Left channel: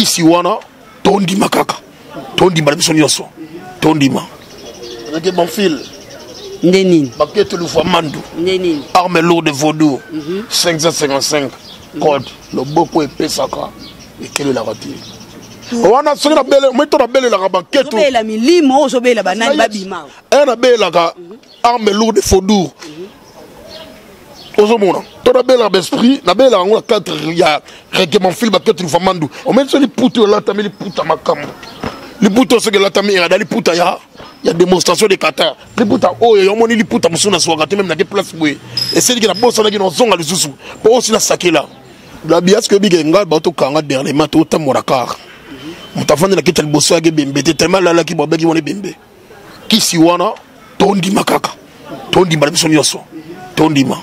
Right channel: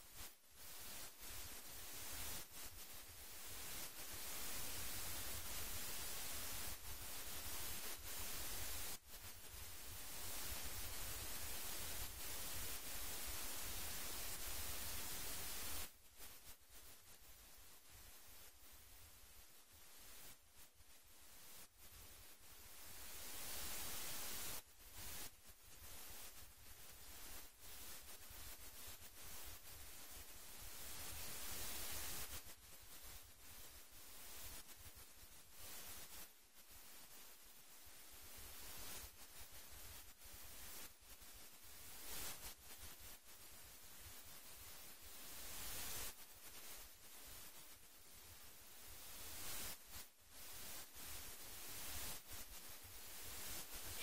kisi wana tondima kaka tondima biso nyonso tondima avec mon fil Ndenine Baquette le fois mandu Ndenine arme lourde vaudou 555 code le beaucoup épais saka et quelle est la ratie wana soki na bele moi to na bele la baquette la milimo ozobela banani babima na bele la arme lourde vaudou ozomona to na bele l'esprit na bele la 4 ya règlement fil baquette le fois mandu on met sur les poutres là tameli puta makambo les poutres ce que là tameli dans les poutres il y a démonstration de Qatar. Les putas, oh, il y a un les putas, monsieur, même dans des places, oui. Et c'est que la bosse, on a dit, on zonga les sous. Pour aussi la saquer là. La bias que big engal, bateau kanga derrière, mato, autant morakar. On t'a fait la quitte le bosso à bimbe, tellement là qui boit qui vont les bimbe. Qui si wana, tondi makaka. Tondi malabison yoso. Tondi ma.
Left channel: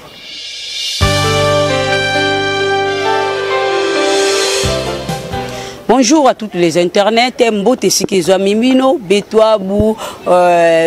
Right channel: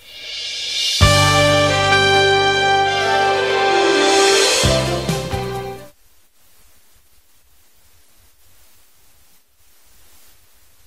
Bonjour à toutes les internets, Mbote Sikizo Mimino, Betouabou,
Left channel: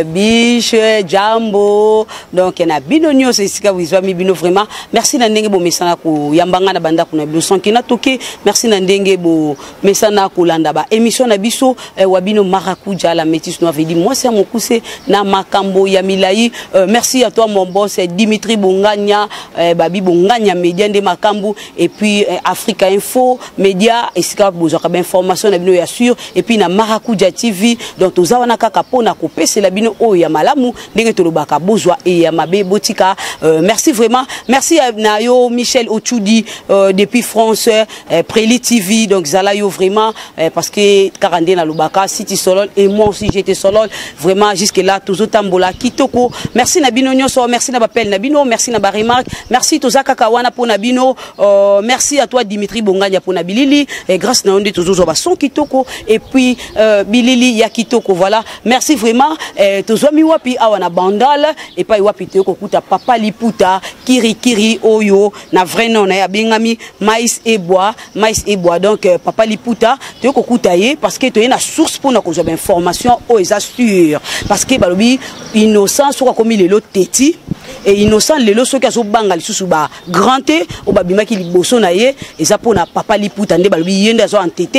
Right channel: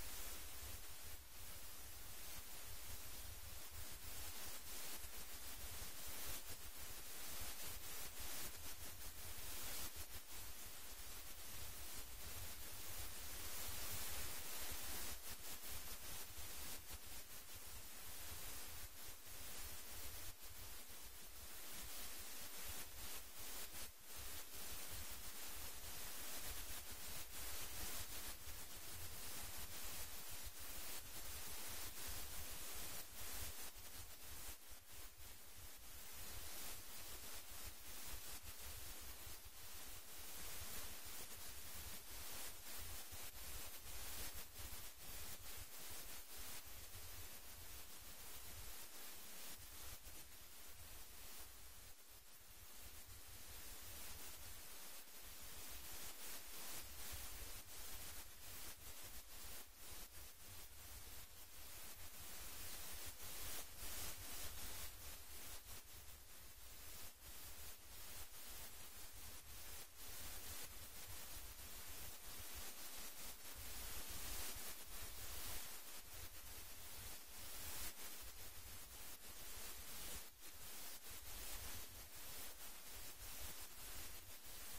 Biche, Jambo, donc il y a Bino News, c'est Mimino vraiment. Merci Nandenge Bo Mesana Ko Yambanga na Banda Kuna Bilo Sankina Toke, merci Nandenge Bo Mesana Ko Landaba. Émission Nabiso, Wabino Marakuja, la métisse nous avait dit, moi c'est mon coussé, na Makambo Yamilaï. Merci à toi mon boss, Dimitri Bonganya, Babi Bonganya, Média de Makambo, et puis Africa Info, Média, et Sika Bozaka. Information na bino ya sûr et puis na Marakuja TV donc tozawana kaka pona kopé c'est la bino o ya malamu ndenge tolobaka bozwa et ya mabe botika merci vraiment merci à Nayo Michel Ochudi depuis France Préli TV donc zalayo vraiment parce que Karandé na lobaka City Solol et moi aussi j'étais Solol vraiment jusque là tozotambola kitoko merci na bino nyonso merci na bapel na bino merci na ba remarque merci tozaka kawana pona bino merci à toi Dimitri Bonganya pona bilili et grâce na onde son kitoko et puis bilili ya kitoko voilà merci vraiment tozomi wapi awana bandal et pas wapi toko kuta papa liputa kiri oyo na vrai nom na ya bengami maïs et bois donc papa liputa toko kuta ye parce que to na source pour na ko information o sûr parce que balobi innocent soka komi lelo teti et innocent lelo soki azo banga lisusu ba granté o babima ki liboso na ye eza pona papa liputa nde balobi yende azo entêté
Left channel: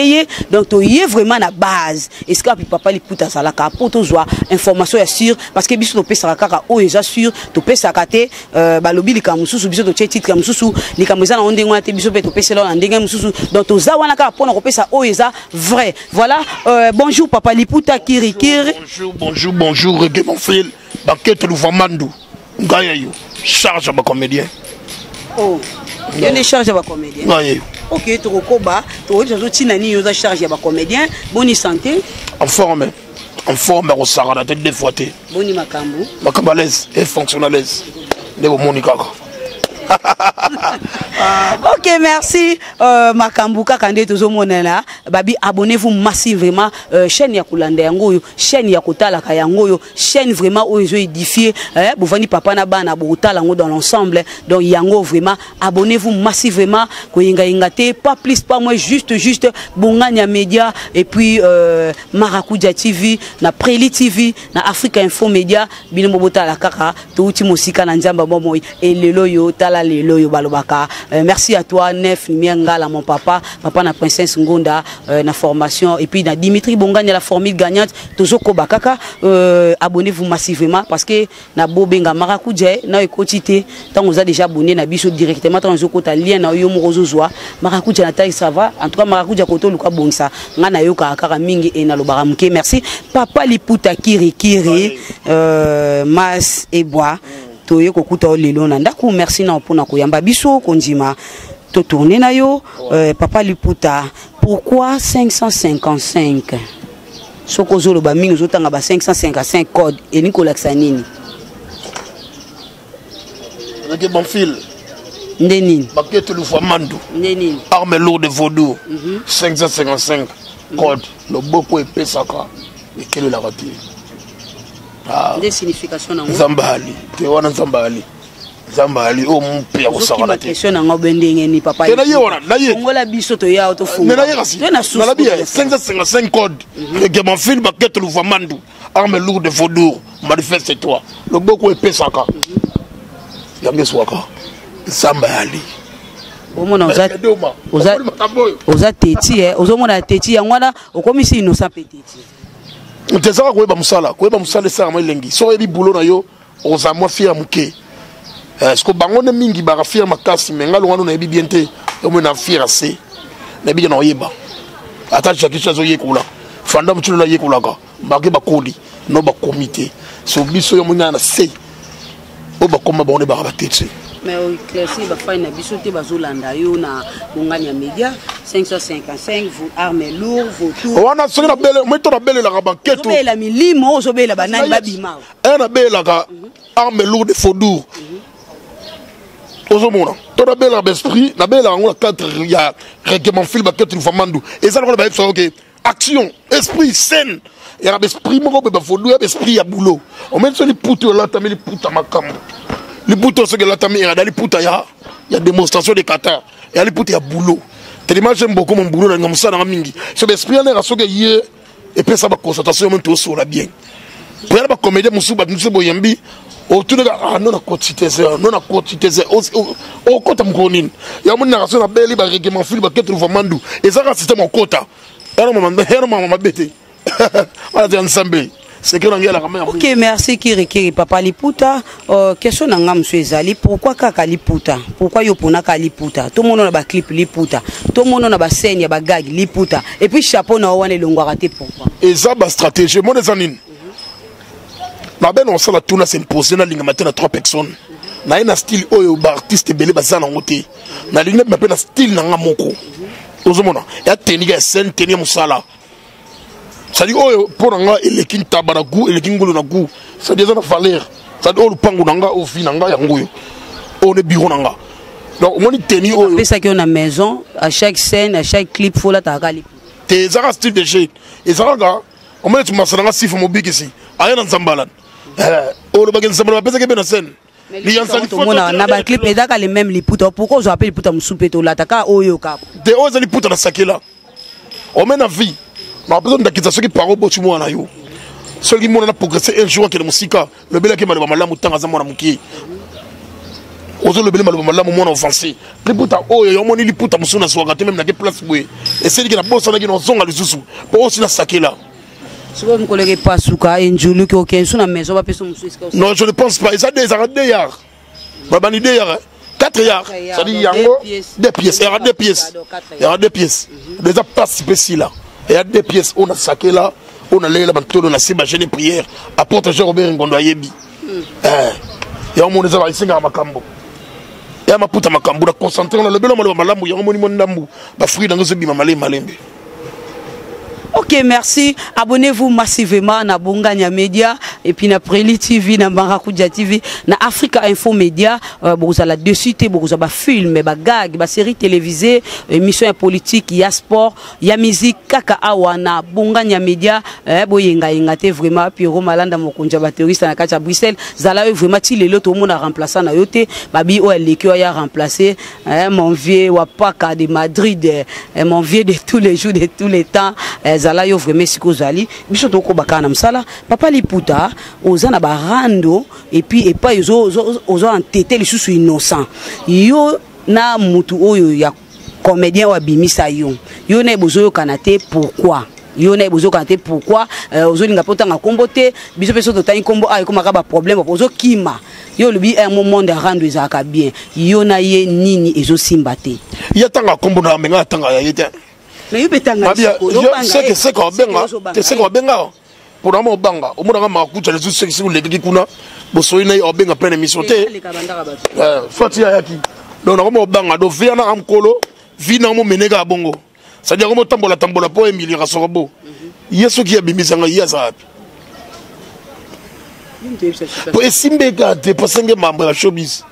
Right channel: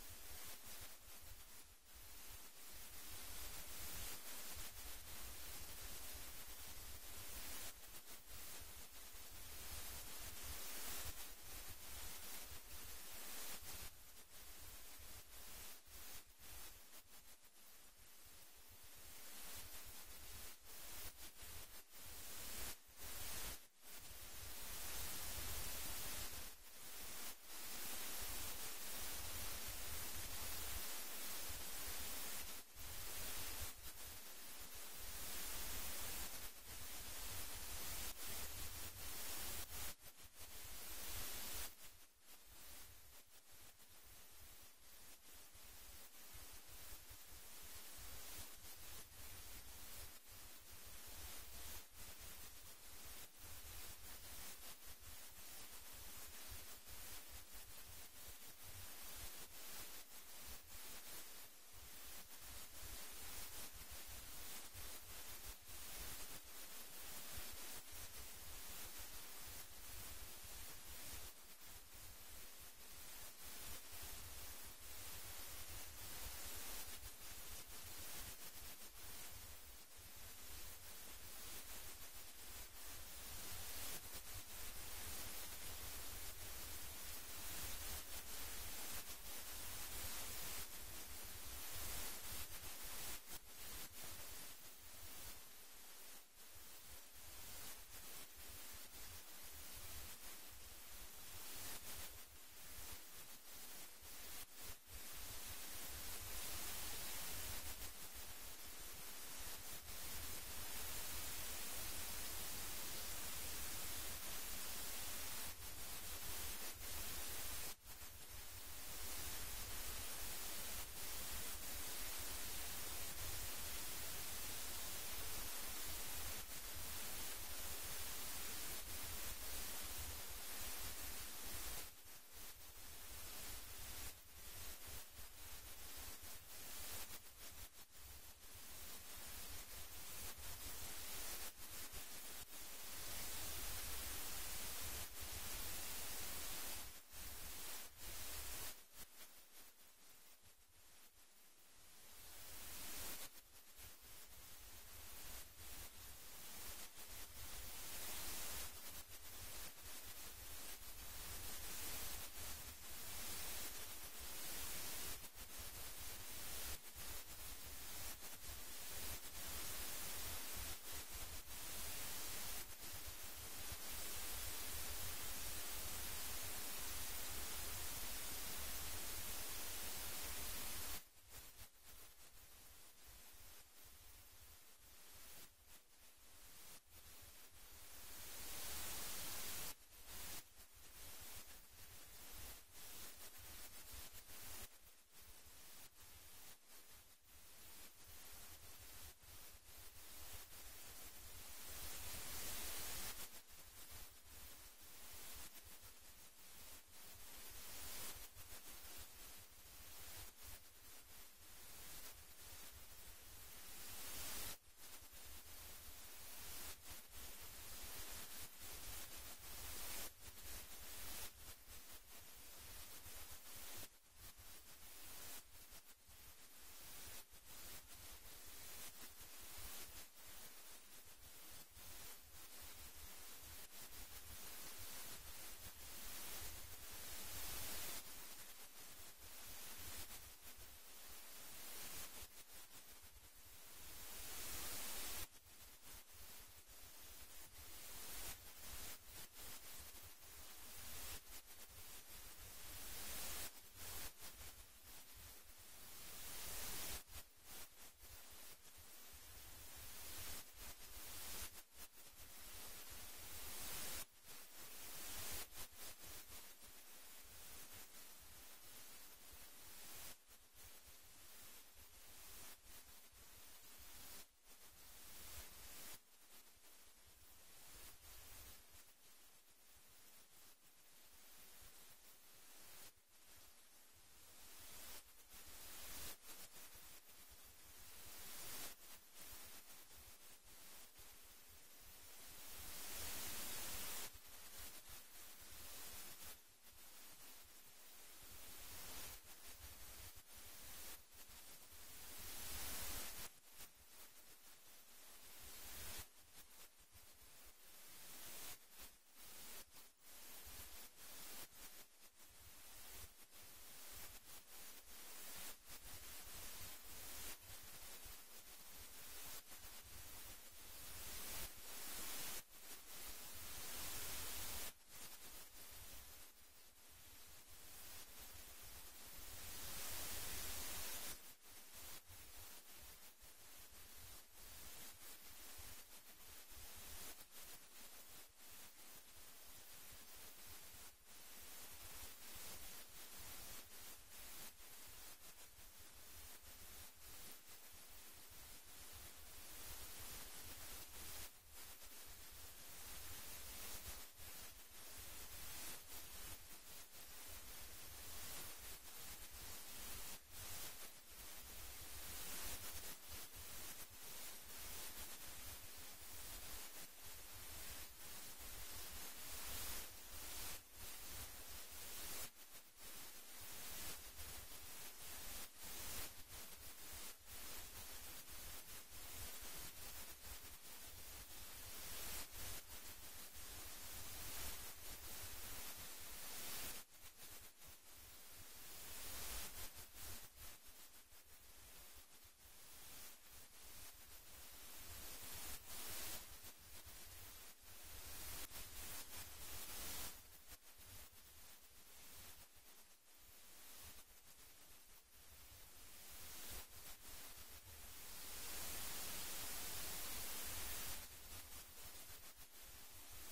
donc tu y es vraiment la base et ce que papa liputa salaka pour to zoa information ya sûr parce que biso to pesa kaka o eza sûr to pesa kate balobi likamususu biso to titre kamususu likameza na onde ngwa te biso pe to pesa la ndenge mususu donc to za wana ka pona ko pesa o eza vrai voilà bonjour papa liputa kiri bonjour reggae mon fils Baquette le Vamandu ngaya yo charge ba comédien oh il y a des charges à comédien. Ok, tu recoba, tu as charge à comédien. Bonne santé. En forme, au Sahara, la tête des fois. Bonne makambo. Makambo à l'aise et fonctionnalise. De Monica. Ok, merci. Makambu kakande tozo monela. Babi, abonnez-vous massivement. Chaîne ya kulanda yangoyo, chaîne ya kotala kayangoyo, chaîne vraiment où ils ont édifié. Bouvani papa na bana botala ngo dans l'ensemble. Donc yango vraiment, abonnez-vous massivement. Koyenga ingate, pas plus, pas moins, juste Bonganya Média et puis Marakuja TV, na Préli TV, na Africa Info Média, bino botala kaka, to uti musika na nzamba momoy et lelo yo tala lelo yo balobaka. Merci à toi Nef Miengala mon papa na princesse Ngonda na formation et puis na Dimitri Bonganya la formule gagnante tozoko bakaka abonnez-vous massivement parce que na bobenga Marakuja na ekotité tant vous a déjà abonné na biso directement tant zoko ta lien na yo morozozwa Marakuja na taille ça va en tout cas Marakuja koto luka bongsa ngana yo kaka mingi e na lobara mke merci papa liputa kiri mas et bois toye kokuta lelo na ndako merci na pona koyamba biso konjima to tourner na yo papa liputa pourquoi 555 soko lo ba mingi zotanga ba 555 code et Nicolas Sanini avec mon fil Ndenine Baquette le Vamandu Ndenine arme lourde vaudou 555 code le beaucoup épais saka et quelle est la ratie des significations na Zambali te wana Zambali o mpe ya kosaka te question na ngobendenge ni papa na ngola biso to ya to funga na la bien 555 code que mon film Baquette le Vamandu arme lourde vaudou manifeste toi le beaucoup épais saka yambe swaka Zambali omona oza teti ozomona teti yango wana okomisi innocent pe teti tezaka koyeba mosala esala elengi so oyebi bulo na yo oza mwa fier moke parceque bango nde mingi baka fier makasi me nga longano nayebi bien te omoi na fier ase nayebi na oyeba ata chakiso azoyekola fanda motulo na yekolaka bake bakoli no bakomite so biso yo mona na se o bakoma bango nde baka batete. Mais au classé, il faut une bisoté bazolanda yo na bonganya média 555 vous armes lourd vous tout. On a sonné la belle, mais ton belle la banquette. Zobe la milimo, zobe la banane babima. Un belle la armes lourdes de Faudour. Ozomona. Ton belle la esprit, la belle on a quatre il y a règlement film banquette une famandou. Et ça on va faire OK. Action, esprit scène. Il y a l'esprit mon ba Faudour, esprit ya boulot. On met sur les poutres là, tamé les poutres makam. Les boutons ce que la tamé dans les poutres il y a démonstration de Qatar. Il y a les poutres il y a boulot. Tellement j'aime beaucoup mon boulot dans ça dans mingi. Ce esprit là a soge hier et puis ça va concentration même tout sur la bien. Pour la comédie musuba nous boyembi autour de non na quantité ça non na quantité ça au kota mkonini. Ya mon narration na beli ba règlement fil ba ketre vamandou. Et ça système au kota. Era maman bête. Voilà des ensemble. Ok, merci Kiri Papa Liputa. Question nanga monsieur Ezali, pourquoi kaka Liputa? Pourquoi yo pona ka Liputa? Tout le monde a ba clip Liputa. Tout le monde a ba scène, ba gag Liputa. Et puis chapeau na wane longo raté pourquoi? Et ça ba stratégie mon ezanine. Na ben on sala tuna c'est imposé na linga matin à 3 personnes. Na ina style oyo ba artiste belé ba sana ngote. Na linga ba na style nanga moko. Ozomona. Ya tenir scène tenir musala. Ça dit oh pour nga elekin tabaragu elekin ngolo na gu ça dit ça na valeur ça dit oh lupangu nanga au fin nanga yango yo on est bureau nanga donc on est tenu oh c'est ça qu'on a maison à chaque scène à chaque clip faut la tagali tes zara style de jeu et ça là on met tu masana sif mobile ici aya na nzambalan oh le bagen nzambala pesa ke bena scène li yansali faut na ba clip et daka les mêmes liputa pourquoi on appelle liputa musupeto la taka oyo ka de ozo liputa na sakela on met na vie. Ma besoin d'acquisition qui parle beaucoup de moi na yo. Celui qui m'a progressé un jour qui est le musique, le bel qui m'a le malamu tant à moi muki. Ozo le bel malamu moi offensé. Les puta oh yo moni li puta musuna soga même na place boy. Et c'est qui na bossa na qui zonga le susu. Pour aussi na sakela. Si vous me collèguez pas souka enjulu qui aucun sous na maison va peso musu. Non, je ne pense pas. Ça des arrêts d'ailleurs. Baba ni d'ailleurs. 4 yards. Ça dit yango 2 pièces. Il y a 2 pièces. Il y a 2 pièces. Déjà participé ici là. Il y a 2 pièces, on a saqué là, on a l'air là, on a ciblé les prières, apporte Jean-Robert Ngondo Ayebi. Il y a un monde qui a ici à Makambo. Il y a ma puta Makambo, on a concentré, on a le bel homme, il y a un monument d'ambou, il fruit dans ce bima malé malembe. Ok, merci. Abonnez-vous massivement à Bonganya Media et puis na Preli TV, na Barakudia TV, na Africa Info Media. Vous avez dessus, vous avez film, ba gag, ba série télévisée, émission politique, il y a sport, il y a musique, kaka awana Bonganya Media. Boyenga ingate vraiment Pierrot Malanda mokonja ba terroriste na kacha Bruxelles. Zala vraiment ti lelo tout le monde a remplacé na yote. Babi o lekio ya remplacé mon vieux wapaka de Madrid, mon vieux de tous les jours de tous les temps. Zala yo vraiment siko zali biso to ko bakana msala Papa Liputa ozana barando et puis pas ozo entêter les sous innocent yo na mutu oyo ya comédien wa bimisa yo na bozo kanate pourquoi yo na bozo kanate pourquoi ozo linga potanga kombote biso peso to tani kombo ay komaka ba problème ozo kima yo lubi un moment de rando ezaka bien yo na ye nini ezo simbate ya tanga kombo na menga tanga ya yete. Mais c'est quoi benga c'est quoi benga pour un banga au moins ma kucha les sexy les qui kuna bosoina yo benga plein émission té fatia yaki donc na banga do via na amkolo vina mo menega bongo ça dit comme tambola po Emily Rasobo yeso qui a bimisanga yasa pour esimbe ga te pasenge mambo ya showbiz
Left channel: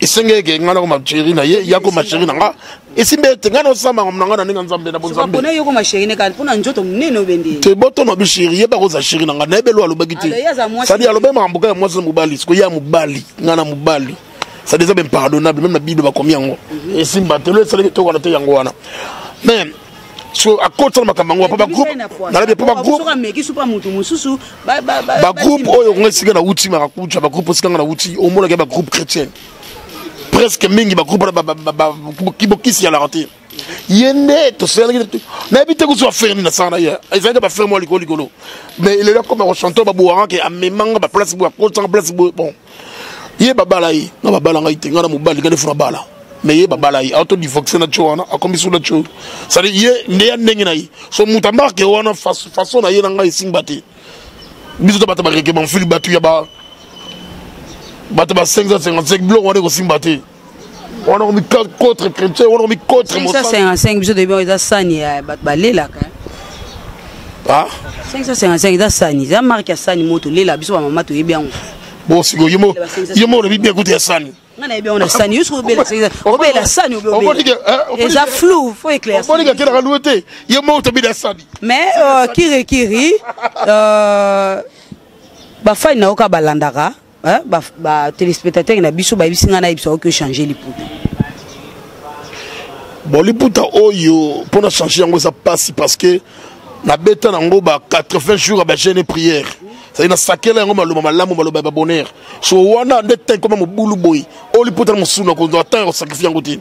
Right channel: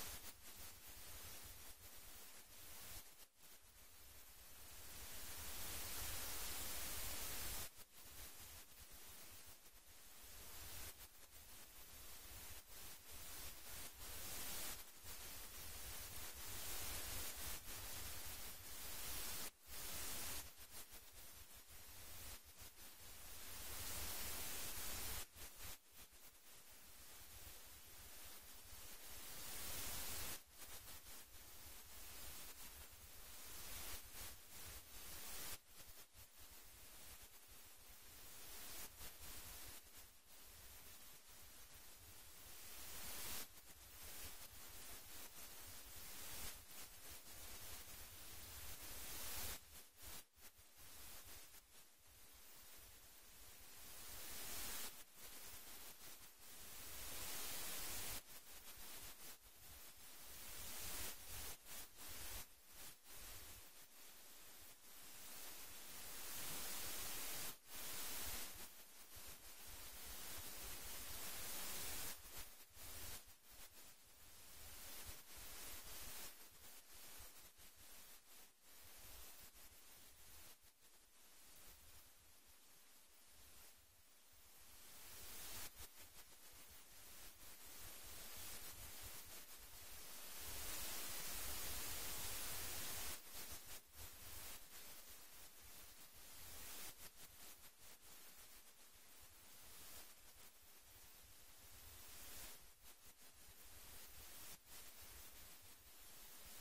isenge ke ngana ko macheri na ye yako macheri nanga esimbe te ngana osama ngomnanga na ninga nzambe na bonzambe pona yoko macheri ne ka pona njoto munene obende te boto no bishiri ye ba ko za sheri nanga na ebelo alobaki te sadi alobe mambuka ya mwasi mubali siko ya mubali ngana mubali ça déjà même pardonnable même na bido ba komi yango esimba te le sele to ko na te yango wana même so à côté de ma camarade papa groupe na le papa groupe ba groupe oyo ngesiga na uti ma kucha ba groupe sika na uti o mona ke ba groupe chrétien presque mingi kibokisi ya la raté yende to sala na bité ko so faire ni na sana ya ezanga ba faire moi likolo mais il est là comme un chanteur ba boara ke amemanga ba place bo ko sans place bon ye babala yi na babala ngai tenga na mobali ka defuna bala mais ye babala yi auto divoxer na chwana akomi sur la cho ça ye ndeya ndenge na yi so mutamba ke wana façon na ye na ngai singbati biso to bata ba règlement fil batu ya ba bata ba 555 bloc on est aussi mbaté on a mis contre chrétien on a mis contre 555 biso de bien sani ba lela ka ah 555 da sani za marque sani moto lela biso ba mama to yebiango bon si yemo le bien écouter sani ngana yebi on a sani yusu bela obela sani obela et ça flou faut éclaircir on dit que la louté yemo to bi da sani mais kiri ba fa na oka balandaka ba téléspectateur na biso ba bisinga na biso que changer les poutres bon les poutres oyo pour na changer yango ça passe parce que na beta nango ba 80 jours ba jeûne prière ça ina sakela yango maloma malamu maloba ba bonheur so wana ndete comme mobulu boy o les poutres musuna ko doit attendre sacrifier yango tin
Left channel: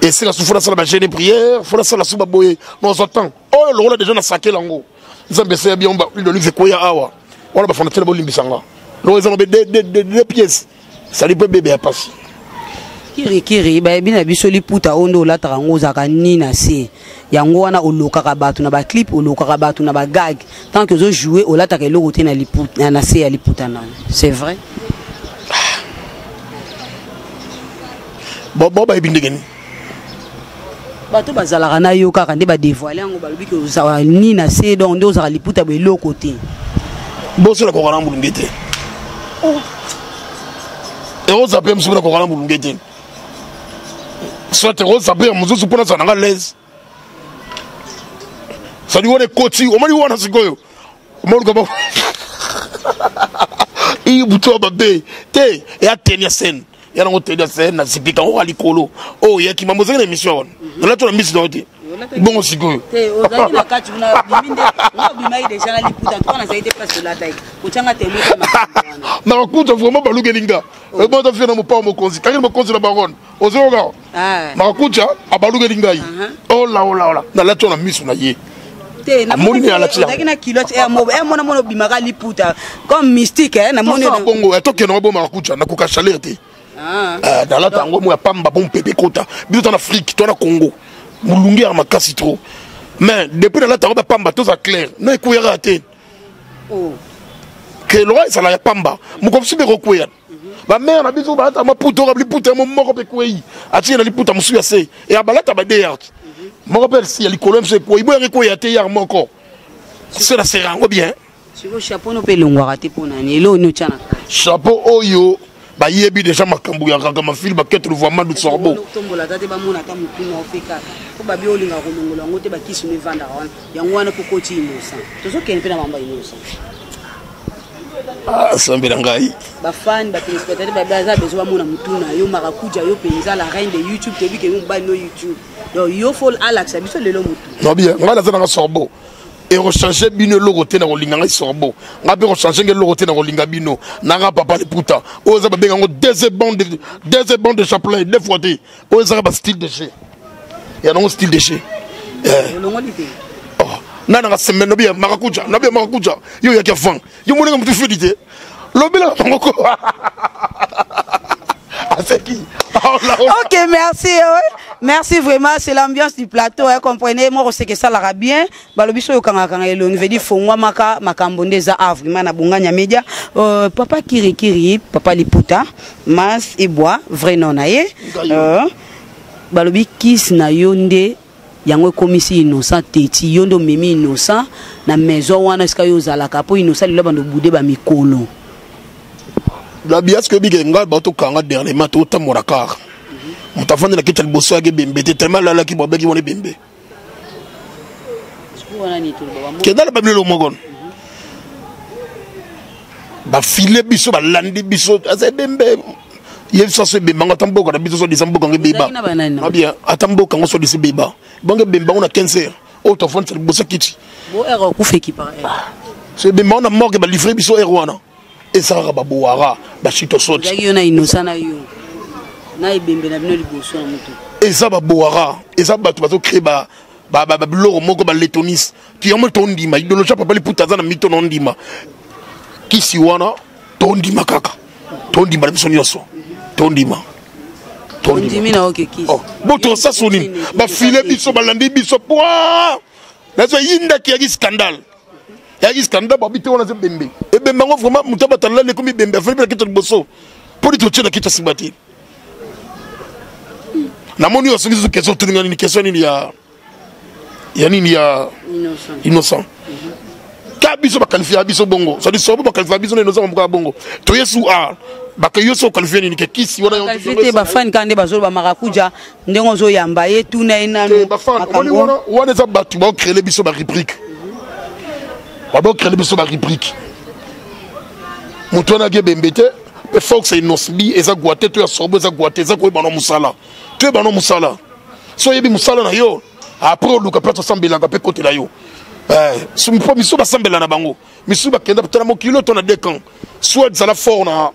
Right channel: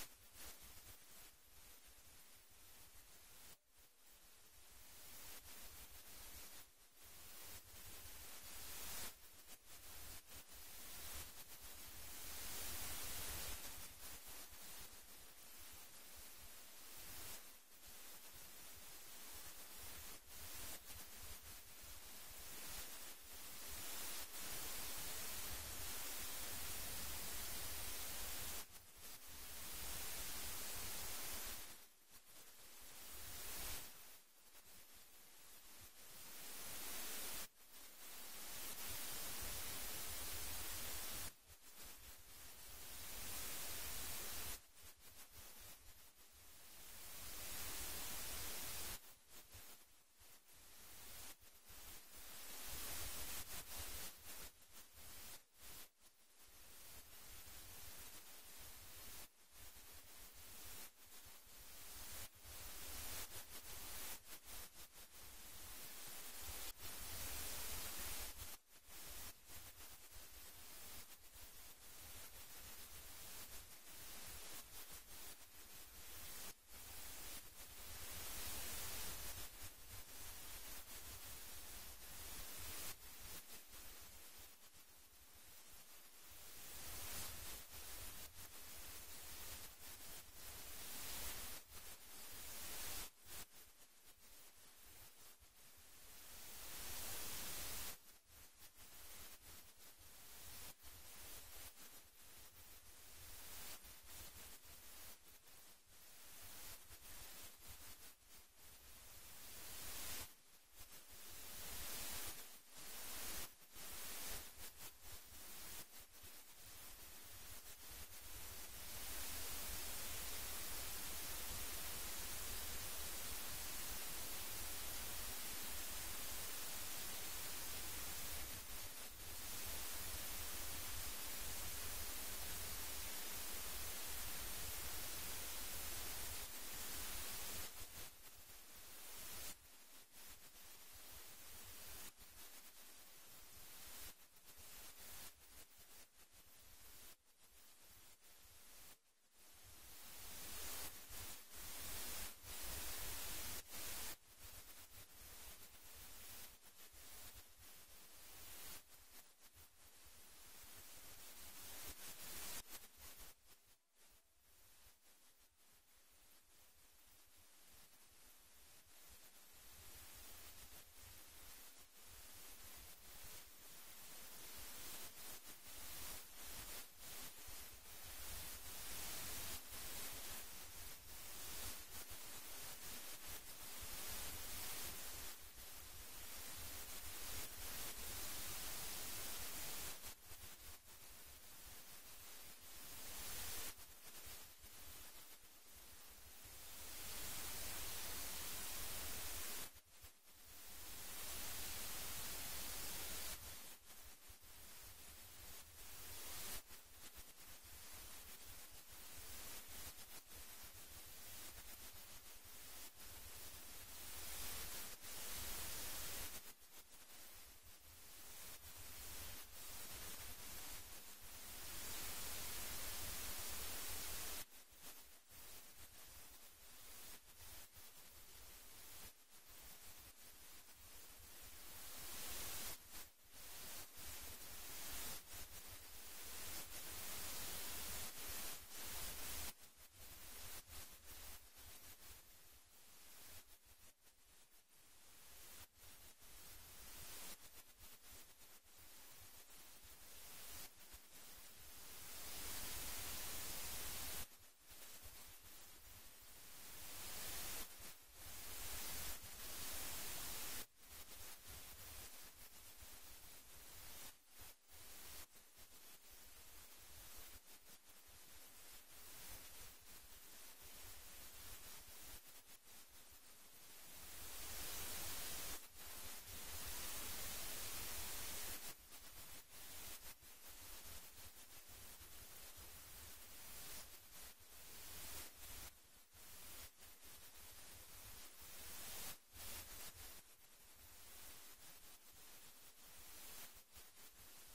et c'est la souffrance la ba jeûne prière faut la sala suba boy non attend oh le rôle déjà na sakela yango nzambe c'est bien ba lui de lui ko ya awa on va faire tellement bolimbisanga nous avons deux pièces ça lui peut bébé à passer kiri ba bina biso liputa ondo la tarango zaka nina se yango wana oloka ka batu na ba clip oloka ka batu na ba gag tant que zo jouer ola ta ke lokote na liputa na se ya liputa na c'est vrai bon ba ibindegeni bato bazalaka na yo kaka nde ba dévoiler yango balobi ke za nina se donc ndo za liputa be lokote bon c'est la kokana mbulungete et on s'appelle monsieur la kokana mbulungete soit on s'appelle monsieur pour ça na l'aise ça lui on est côté on m'a dit on a sikoyo on m'a dit il buto babé te et a tenir scène ya na tenir scène na sipika o alikolo oh ya ki mamoze na émission na to na miss dote bon sikoyo te ozaki na kati na biminde ngobimai déjà na liputa to na zaite place de la taille kuchanga te na kuta vraiment balugelinga e bon to fina mo pa mo konzi kali mo konzi la baronne ozoga na kuta abalugelinga yi oh la na la to na miss na ye te na moni ala tia na kilote e mo mona bimaka liputa comme mystique na moni na bongo etoke na bo makuta na kuka chaleur te dans la tango mo pamba bon pepe kota biso en Afrique to na Congo mulungi ya makasi trop mais depuis dans la tango ba pamba to ça clair na ekuyara te que le roi ça la pamba mo comme si be kokuya ba mère na biso ba ta maputo ka liputa mo moko pe kuyi ati na liputa musu ya se et abalata ba deyart mo rappelle si ya likolo mse ko iboekuya te yar moko c'est la serango bien siko chapeau no pe longwa te pona ni lo no chana chapeau oyo ba yebi déjà makambu ya kaka mafili ba ketre vraiment du sorbo tombola tate ba mona ka mupina ofeka ko ba biolinga ko longola ngote ba kisu ne vanda wana yango wana ko koti inosa tozo kene pena mamba inosa sambela ngai ba fan ba téléspectateurs ba baza besoin mona mutuna yo marakuja yo penza la reine de YouTube te bi ke mba no YouTube donc yo faut Alex biso lelo mutu non bien ngala zana sorbo et rechanger bino lokote na kolinga ngai sorbo ngabe rechanger ngelo lokote na kolinga bino nanga papa le puta oza ba benga ngo deux bandes de chapelet deux fois té oza ba style de chez ya non style de chez oh nana nga semaine no bien marakuja na bien marakuja yo ya kafan yo moninga mutu fidité lobela ngoko Ok, merci. Merci vraiment, c'est l'ambiance du plateau. Comprenez, moi, c'est que ça l'ara bien. Balobiso yokanga kanga elongi veut dire fongwa maka makambonde za avri mana bunganya media. Papa Kiri, papa Liputa, Mas et Bois, vrai nom naie. Balobi kis na yonde yango komisi innocent teti yondo memi innocent na maison wana ska yo zalaka po innocent lilo bando bude ba mikolo. La bias que big nga bato kanga dernièrement to tamora car mutafanda na kitel bosso age bembe te tellement la ki bobeki woni bembe ke dala babile lo mogon ba file biso ba landi biso asa bembe ye so se bembe nga tamboka na biso so disamboka nge beba na bien atamboka ngo so disi beba bonge bembe on a 15 heures o to fond bosso kiti bo ero ku feki par se bembe on a morgue ba livrer biso erwana et ça va boire ba chito soti yo na innocent na yo na ibembe na bino liboso na mutu eza ba boara eza bato bazo créer ba biloko moko ba letonis tu yamo to ndima idolocha papa liputa za na mito no ndima kisi wana to ndima kaka to ndima biso nyonso to ndima na oke kisi boto sa soni ba filet biso balandi biso poa nazo yinda ki yaki scandale ba bité wana ze bembe e bembe ngo vraiment mutaba tala le komi bembe afeli na kitu liboso pour dit na kitu sibati na moni yo singizo question tuninga ni question ni ya nini ya innocent ka biso ba qualifier biso bongo ça dit sobo ba qualifier biso na innocent mbuka bongo to yesu a ba ka yo so qualifier ni ke kisi wana yo qualifier ba fan kande ba zo ba marakuja ndengo zo yamba ye tuna inano ba fan wana za batu ba créer biso ba rubrique ba créer biso ba rubrique mutona ge bembete pe fox inosbi eza guate to ya sobo eza guate eza ko ba no musala to ba no musala so yebi musala na yo après luka peut sambela ka pe côté la yo sumpo miso ba sambela na bango miso ba kenda peut na kilo to na dekan soit za la fort na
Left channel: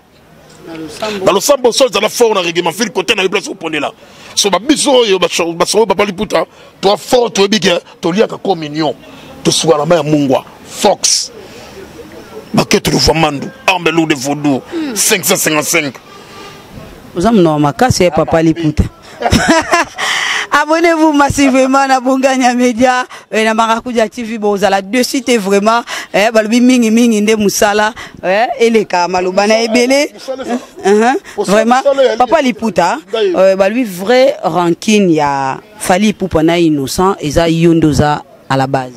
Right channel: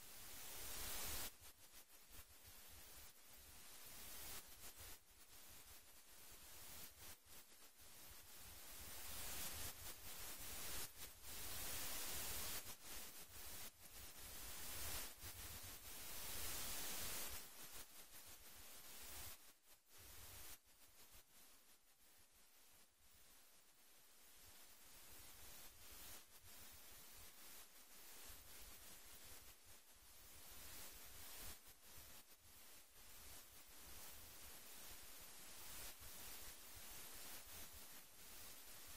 lo sambo soit za la fort na règlement fil côté na place au pondé là so ba biso yo ba so ba pali puta to fort to bige to lia ka communion to soit la main mungwa fox baketo lu famandu armelu de vodou 555 vous avez non makasi papa liputa. Abonnez-vous massivement à Bongania Media et à Maracuja TV. Vous allez deux sites vraiment. Balbi mingi mingi nde musala et les kamalubana et belé. Vraiment. Papa Liputa. Balbi vrai ranking ya Fali Pupana innocent et ça yondoza à la base.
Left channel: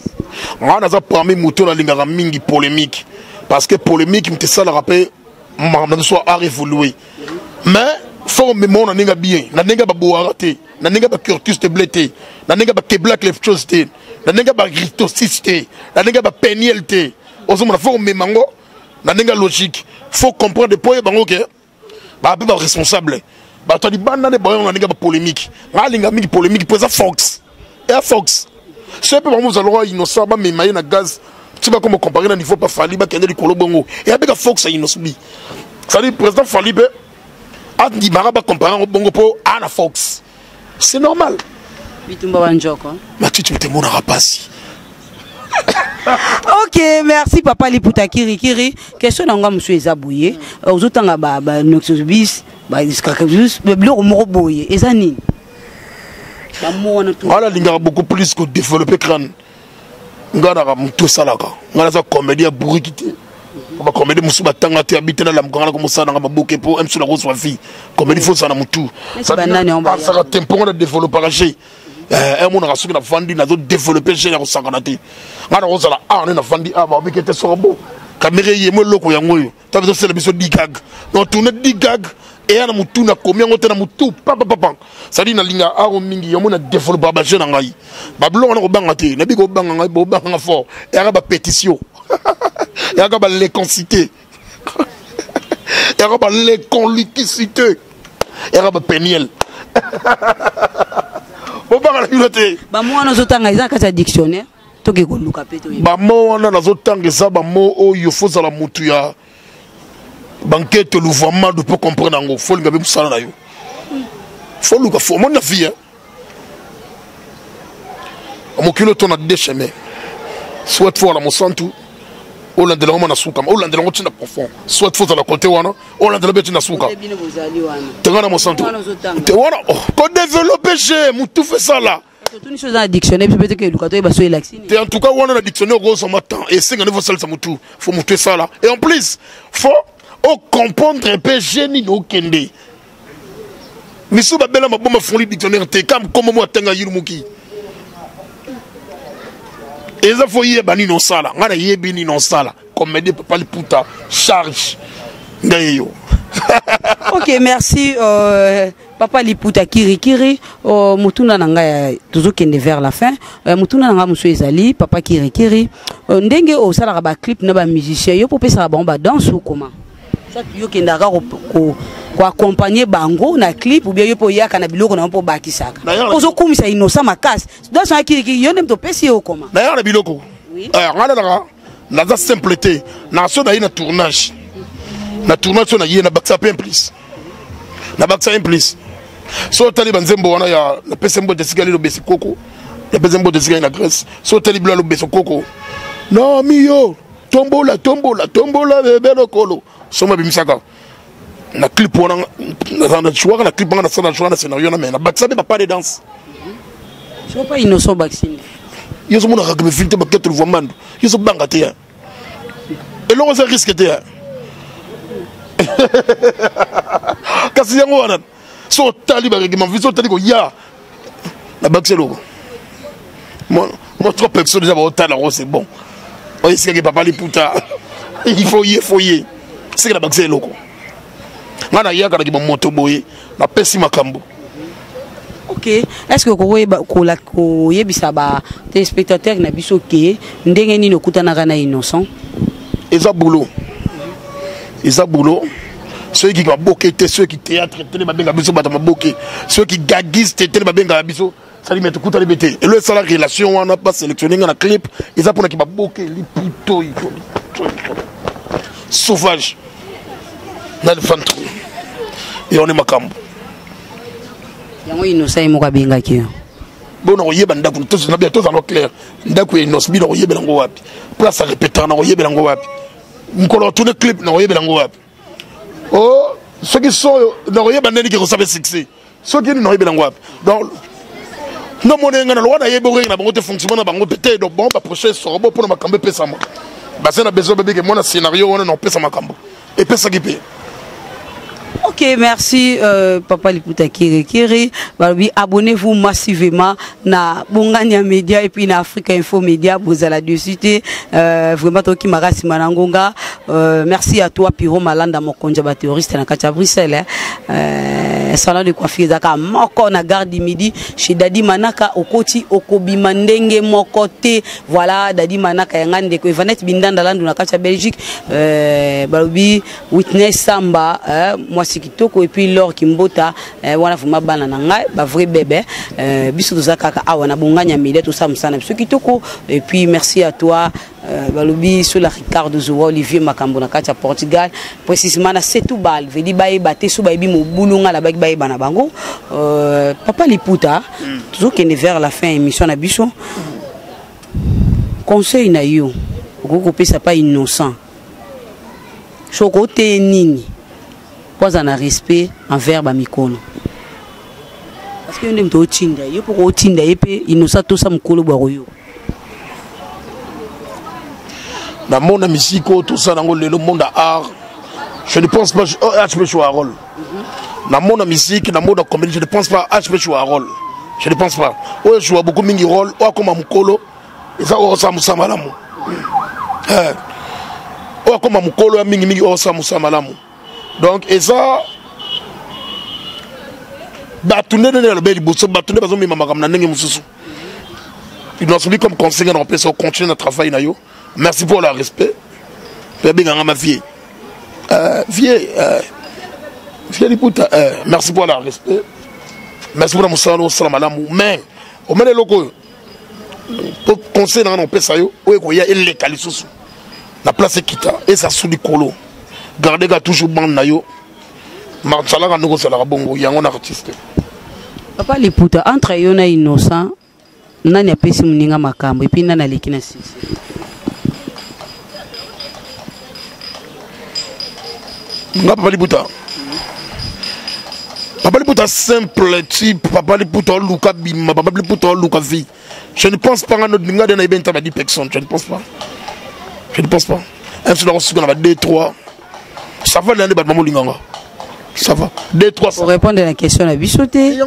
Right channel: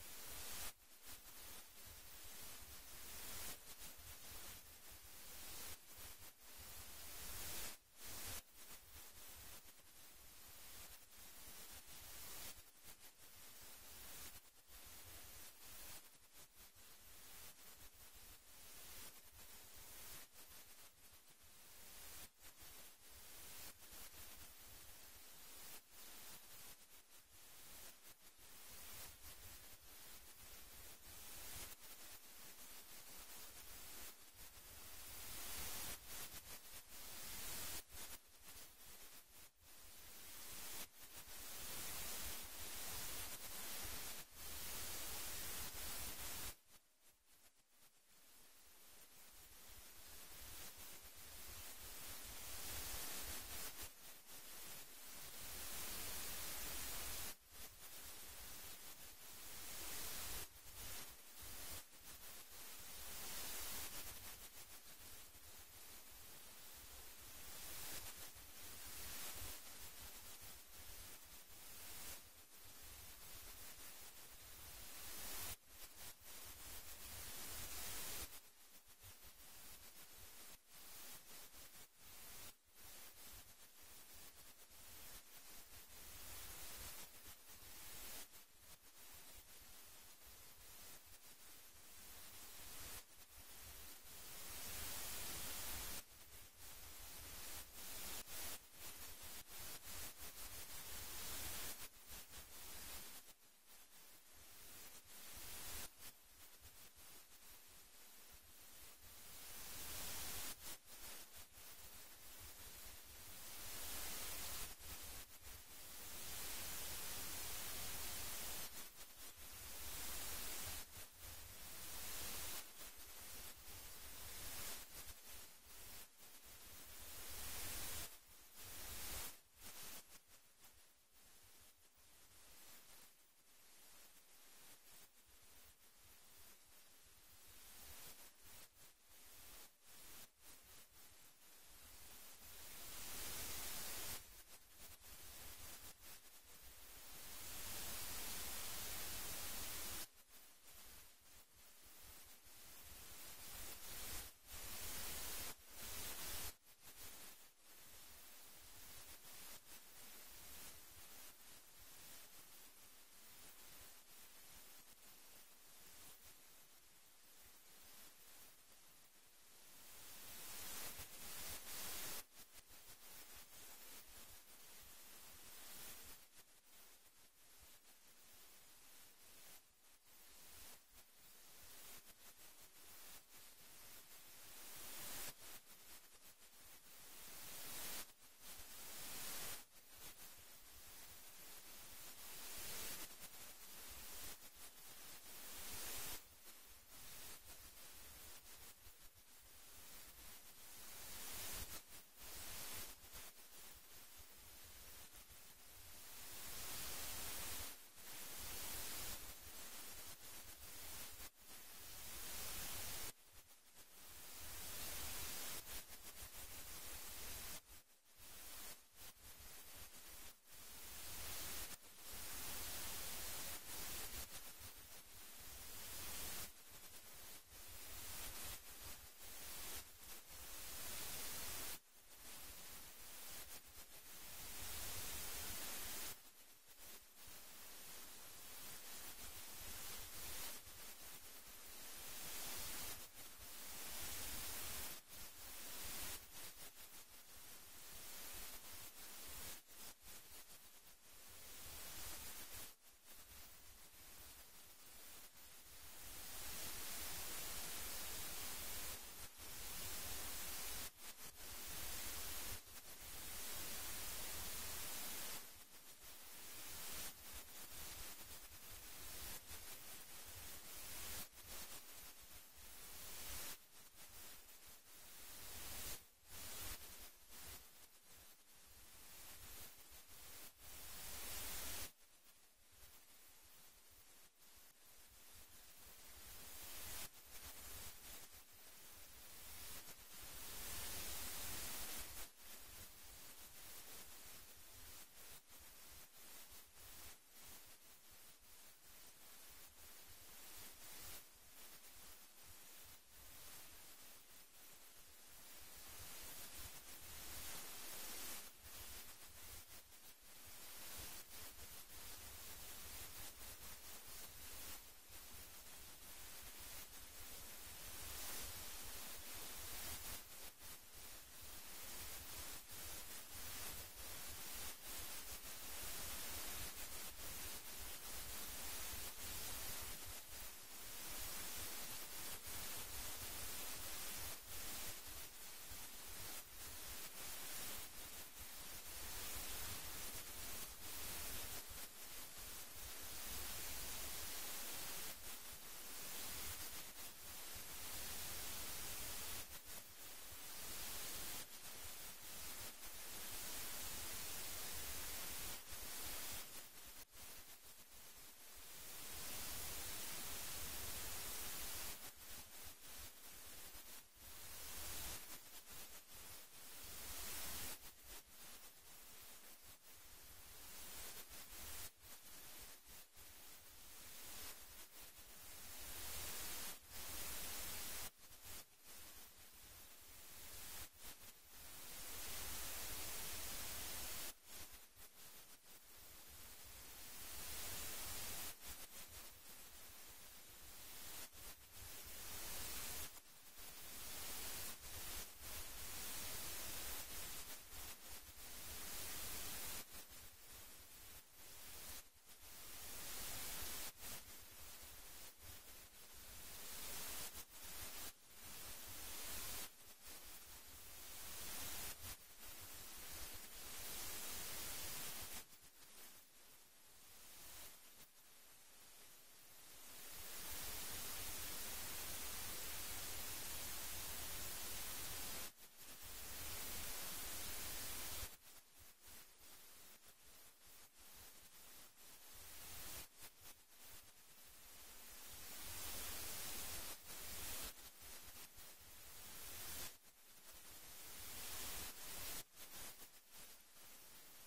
On a parmi moto la lingara mingi polémique parce que polémique me ça le rappel m'en soit à évoluer. Mais faut me mon n'enga bien, n'enga ba boarate, n'enga ba curtus te blété, n'enga ba keblak les choses te, n'enga ba gritosiste, n'enga ba penielté. Osoma faut me mango, n'enga logique. Faut comprendre des points bango que ba ba responsable. Ba to di banda de boy n'enga ba polémique. Nga linga mingi polémique pour ça Fox. Et Fox. C'est peu vraiment allons innocent ba me maye na gaz. Tu vas comment comparer na niveau pas Fali ba kende di kolobongo. Et avec Fox a innocent. Ça dit président Fali be Andi Maraba comparant au bongo po Anna Fox. C'est normal. Tu te mon rapasi. Ok, merci papa Liputa Kiri Kiri. Question d'anga monsieur Ezabouye. Aux autres ba Noxobis, ba Discacabus, le bleu moroboye. Ezani. Voilà, il y a beaucoup plus que développer crâne. Ngana tout ça là. Ngana ça comédie à bourriquité. Ba comédie musu batanga te habite na la mkanga comme ça na baboke po em sur la rose wafi comédie faut ça na mutu ça ça tempo na développer chez mon rasuki na vandi na zo développer chez na sanganate ngana rose la na vandi ba obikete sorbo caméra yemo loko ya ngoyo ta bezo c'est la biso digag non tourner digag et na mutu na combien ngote na mutu papa ça dit na linga aro mingi yomo na développer ba jeune ngai ba blo na ko banga te na bi ko banga ngai bo banga fort et ara ba pétition. Il y a les concité. Il y a les conlicité. Il y a les péniel. Bah moi nous autant ils ont qu'à dictionnaire. Toi qui connais le capito. Bah moi on a nous autant que ça bah moi oh il faut ça la mutuya. Banquette le vraiment de pour comprendre en gros. Faut le gaber ça là yo. Faut le faut mon avis hein. Mon kilo ton a deux chemins. Soit faut la mon santu. Hollande la na suka Hollande la ngotina profond soit faut la côté wana Hollande la beti na suka tengana mo santo te wana ko développer chez mutu fait ça là toute une chose dans dictionnaire peut-être que Lukato est baso élaxine en tout cas wana na dictionnaire gros matin et c'est ngane faut ça mutu faut mutu ça là et en plus faut comprendre un peu génie no kende misu ba bela maboma fond dictionnaire te comme moi tenga yirumuki. Et ça faut y aller bani non sala, ngana y bini non sala, comme me dit papa Liputa charge ngayo. Ok, merci papa Liputa Kiri Kiri mutuna nanga toujours kende vers la fin mutuna nanga monsieur Ezali papa Kiri Kiri ndenge o sala ba clip na ba musicien yo popé ça ba danse ou comment ça yo kenda ko accompagner bango na clip ou bien yo po yaka na biloko na po bakisaka ozo kumisa innocent makasi dans son Kiri yo nem to pesi o comment d'ailleurs na biloko ngana na za simpleté na so na tournage na tournage na yé na baksa plein plus na baksa plein plus So tali banzembo wana ya la pesembo de sigali lo besikoko. Ya pesembo de sigali na Grèce. So tali bla lo besokoko. Non mio, tombola bébé lokolo. Soma bimisaka. Na clip wana na choix na clip wana na choix na scénario na mais na baksabe pas de danse. C'est pas innocent vaccine. Yo so mona ka me filter ba ketre vomando. Yo so banga te ya. Et là on se risque te ya. Kasi yango wana. So tali ba règlement viso tali ko ya. La bakselo. Moi trop personne déjà ba otala c'est bon. On dit que papa li puta. Il faut y. C'est que la bakselo ko. Ngana ya kana ki ba moto boye na pesi makambo. Ok, est-ce que vous yebisa ba téléspectateurs na biso ke ndenge nini okutana kana innocent? Eza boulot. Ceux qui boké, ceux qui théâtre, télé babenga biso bata maboké, ceux qui gaguisent télé babenga biso, ça lui met tout à l'ébêté. Et le ça la relation on n'a pas sélectionné dans la clip, ils a pour qui baboké, li puto, sauvage. Dans le ventre. Et on est makambo. Yango innocent mo ka benga ki. Bon on yeba ndaku tous na bien tous en clair. Ndaku innocent bi no yeba ngo wapi. Place à répéter na yeba ngo wapi. Nkolo tourner clip na yeba ngo wapi. Oh, ceux qui sont na yeba ndeni qui savent succès. Ceux qui no yeba ngo wapi. Donc non mon nga na loi na yeba na bango te fonctionnement na bango pété donc bon ba prochain sort bon pour na makambe pesa mo. Ba c'est na besoin bébé que mon scénario on na pesa makambo. Et pesa qui paye. Ok, merci Papa Liputa Kiri. Abonnez-vous massivement na Bongania Media et puis na Africa Info Media. Vous allez dessus. Vraiment, toi qui m'arrasse Manangonga. Merci à toi, Piro Malanda, mon conjoint théoriste na Kacha Bruxelles. Salon de coiffure Zaka Moko na gare du midi chez Dadi Manaka Okoti Okobi Mandenge Mokote. Voilà, Dadi Manaka Yangande ko Evanet Bindanda Landu na Kacha Belgique. Balubi Witness Samba. Moi c'est Kitoko et puis Laure Kimbota wana fuma bana na ngai ba vrai bébé biso to zakaka awa na Bongania Media tout ça msana biso Kitoko et puis merci à toi balobi sur la Ricardo Zoua Olivier Makambo na kacha Portugal précisément na Setúbal vedi baye baté so baye bi mo bulunga la baye bana bango Papa Liputa toujours qu'est vers la fin émission na biso conseil na yo ko pesa pas innocent chocoté nini pas un respect envers Bamikono. Parce que nous sommes Tinda, il faut que Tinda et innocent tout ça mukolo baroyo. Dans le monde musique, tout ça dans le monde art, je ne pense pas HP Chouarol. Dans le monde musique, dans le monde comédie, je ne pense pas HP Chouarol. Je ne pense pas. Ouais, je vois beaucoup mingi rôle, ouais comme mukolo, et ça on s'amuse malamu. Ouais comme mukolo mingi on s'amuse malamu. Donc, et ça, batourner dans le bel bousseau, batourner parce que maman comme n'engage mususu. Il doit subir comme conseiller dans le pays, on continue notre travail nayo. Merci pour le respect. Ma vieille, Liputa, merci pour le respect. Merci pour le moussalo, salam alamou. Mais, au moins les locaux, pour conseiller dans le pays sayo, où il y a les calisous, la place est quitta et ça sous du colo. Gardez toujours bon nayo. Marchala nous sala bongo yango na artiste. Papa Liputa entre yona innocent nani apesi muninga makambo et puis nana lekina sisi. Papa Liputa. Papa Liputa simple type, Papa Liputa Luka Bima, Papa Liputa Luka vie. Je ne pense pas à notre linga de Naïben Tabadi personne, je ne pense pas. Je ne pense pas. Un seul reçu qu'on a 2-3. Ça va l'année de Maman Linganga. Ça va. 2-3. Pour répondre à la question, la bichoté.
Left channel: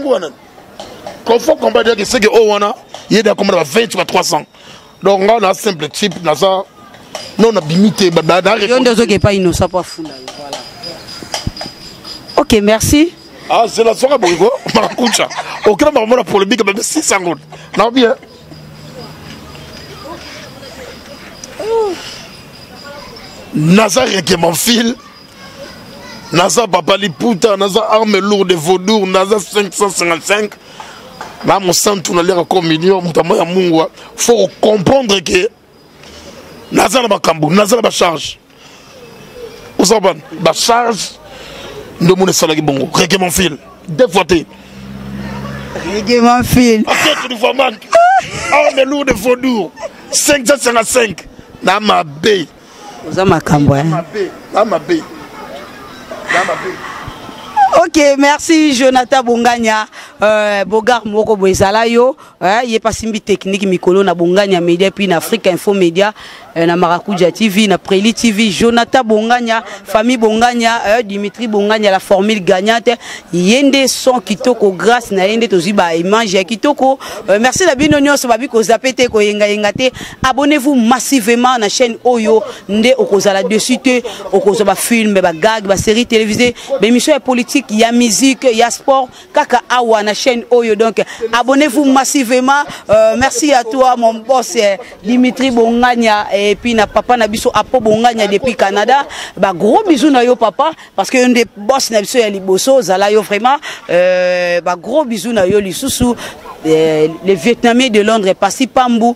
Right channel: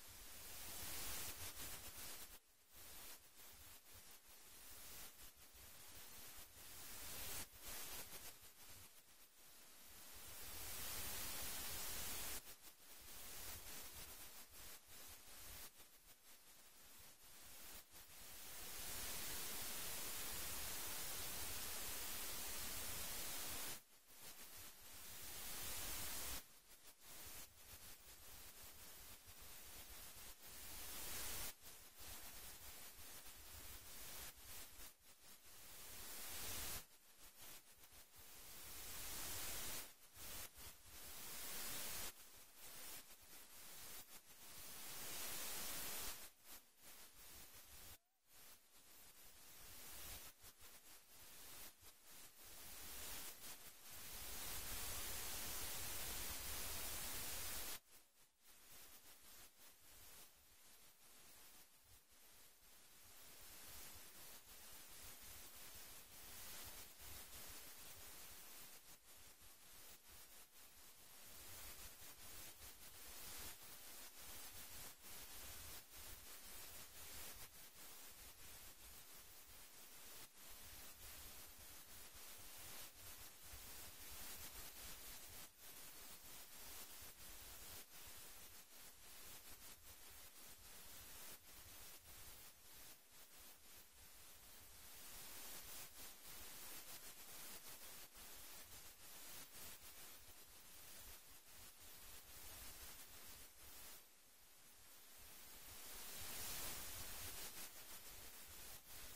Quand il faut combattre, c'est que il y a des combats de 20 ou 300. Donc on a un simple type, on a limité. Il y a des gens qui sont pas innocents pour fou. Ok, merci. Ah, c'est la soirée, Bourigo. Maracucha. Aucun moment pour le big, mais 600 secondes. Non, bien. Nazar qui m'enfile. Nazar Papa Liputa, Nazar arme lourde de Vaudour, Nazar 555. Là, mon sang tourne à l'air comme million, il faut comprendre que Nazar n'a pas cambo, Nazar n'a pas charge. Vous savez, la charge de mon salarié bongo, qui m'enfile. Deux fois, Règlement fil. Paquet de Fomando. Arme lourde de Faudour. 555. Namabé. Vous avez ma campagne. Namabé. Ok, merci Jonathan Bonganya. Bogar Moko Boezalayo. Il est pas simbi technique Mikolo na Bonganya Media puis na Afrique Info Media. Na Maracuja TV, na Preli TV, Jonathan Bonganya, famille Bonganya, Dimitri Bonganya, la formule gagnante. Yende son kitoko grâce na yende toziba image kitoko. Merci la binonyo so babi ko zapete ko yenga yengate. Abonnez-vous massivement na chaîne Oyo nde okozala dessus te okozoba film ba gag ba série télévisée, ba émission politique, il y a musique, il y a sport kaka awa na chaîne Oyo donc abonnez-vous massivement. Merci à toi mon boss Dimitri Bonganya. Et puis na papa na biso apo Bonganya depuis Canada, bah gros bisous na yo papa parce que un des boss na biso ya liboso zala yo vraiment bah gros bisous na yo lisusu les Vietnamiens de Londres Passy Pambou,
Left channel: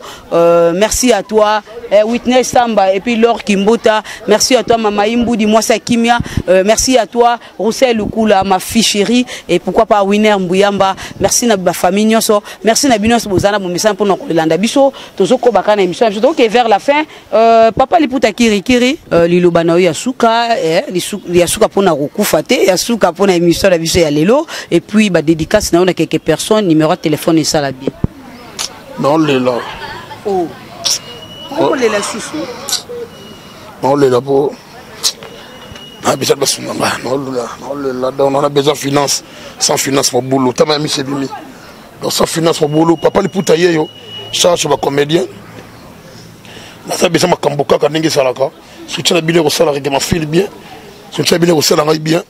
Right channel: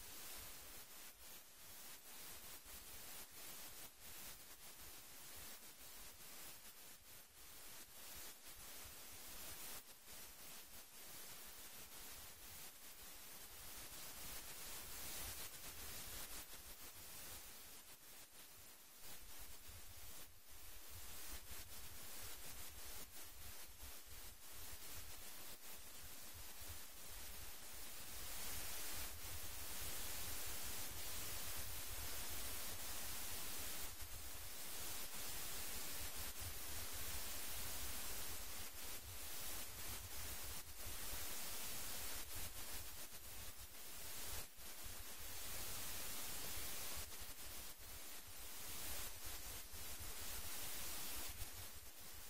merci à toi Whitney Samba et puis Laure Kimbota, merci à toi Mama Imbu di Mwasa Kimia, merci à toi Roussel Lukula ma fille chérie et pourquoi pas Winner Mbuyamba, merci na ba famille nyonso, merci na binos bozana bo message pour no kolanda biso tozoko bakana émission donc vers la fin papa liputa kiri liloba na yo ya suka ya suka pona rokufa te ya suka pona émission la biso ya lelo et puis ba dédicace na on a quelques personnes numéro de téléphone et ça la bien non les là oh on les la sous non les là pour on a besoin de sunanga non on a besoin de finance sans finance pour boulot t'as même mis c'est bimi donc sans finance pour boulot papa liputa yo charge ba comédien na besoin makamboka kanenge salaka soutien na bino ko sala règlement fil bien soutien bino ko sala ngai bien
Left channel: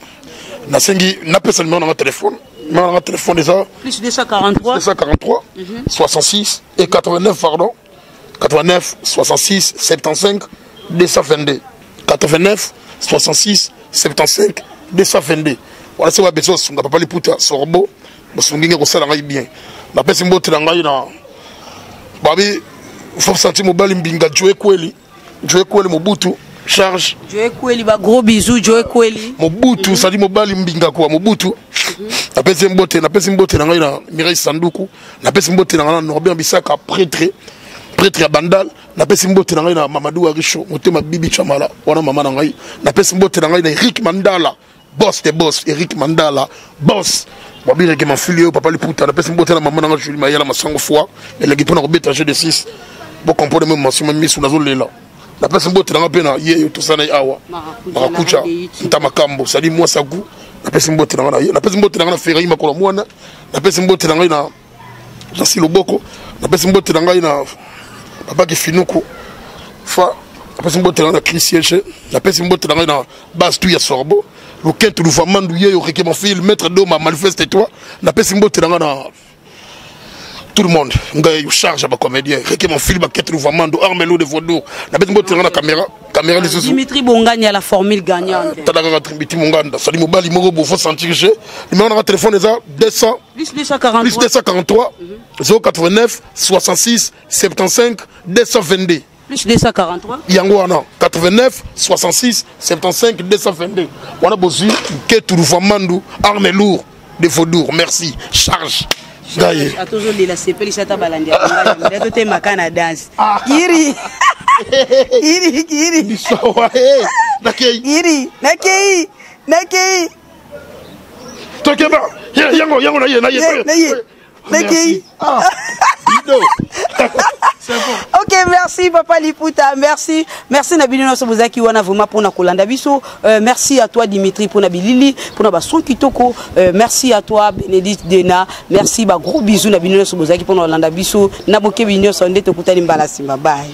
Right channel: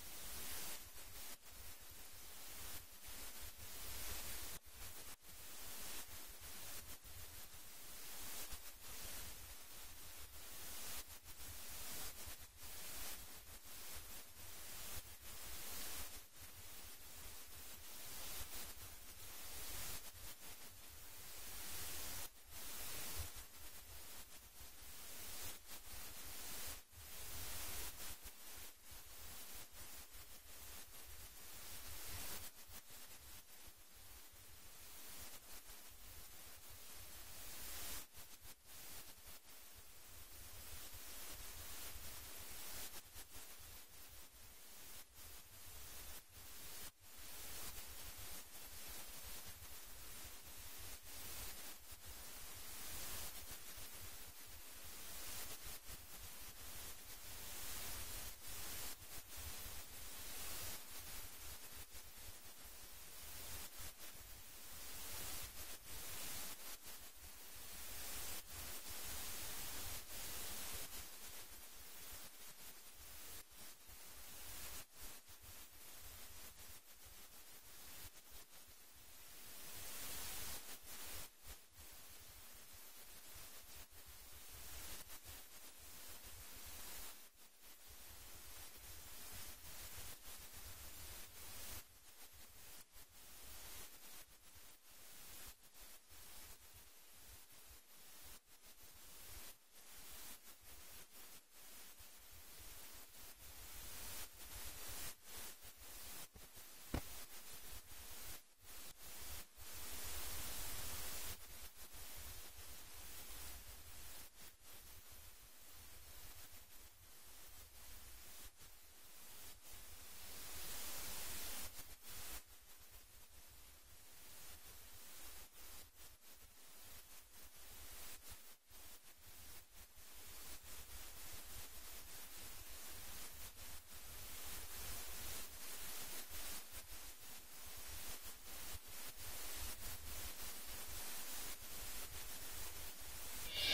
na sengi na pesa numéro na téléphone mon téléphone déjà plus 243 66 et 89 pardon 89 66 75 222 89 66 75 222 voilà c'est quoi besoin on papa liputa sorbo bosungenge ko sala ngai bien na pesa mbote na ngai na babi faut sentir mobile mbinga Joe Kweli Mobutu charge Joe Kweli ba gros bisous Joe Kweli Mobutu ça dit mobile mbinga kwa Mobutu na pesi mbote na ngai na Mireille Sanduku na pesi mbote na ngai na Norbert Bisaka prêtre ya Bandal na pesi mbote na ngai na Mamadou Arisho motema Bibi Chamala wana mama na ngai na pesi mbote na ngai na Eric Mandala boss Eric Mandala boss Babire que mon fils papa le putain, la personne botte la maman dans le Julie Mayala ma sango fois et les guipons ont bétagé de 6 pour comprendre même mention même mis sous la zone là. La personne botte dans la peine hier tout ça na awa. Marakucha, Ntamakambo, ça dit moi ça goût. La personne botte dans la personne botte dans la ferraille ma kola mwana. La personne botte dans na Jasi Loboko, la personne botte dans na papa qui finuko. Fa la personne botte dans la Christian, la personne botte dans na base tout ya sorbo. Le quête du Fomando yo qui mon fils maître d'homme manifeste toi na pesi mbote na tout le monde ngai charge ba comédien qui mon film ba quête du Fomando armelo de Faudour na pesi mbote na caméra les sous Dimitri Bonganya la formule gagnante tadaka Dimitri Monganda sali mobali moko bo faut sentir que numéro na téléphone est 200 plus 243 089 66 75 222 plus 243 Yangoana 89 66 75 222 on a besoin que tout le Fomando arme lourd de Faudour merci charge gaye a toujours la CPL ça tabalandi a tout ma kana dance kiri nakei tokeba yango na ok, merci Papa Liputa, merci Nabino Sobozaki wana vraiment pour na kolanda biso, merci à toi Dimitri pour na bilili, pour na bason kitoko, merci à toi Bénédicte Dena, merci ba gros bisous Nabino Sobozaki pour na kolanda biso, na boke binyo sonde to kutani mbala simba bye.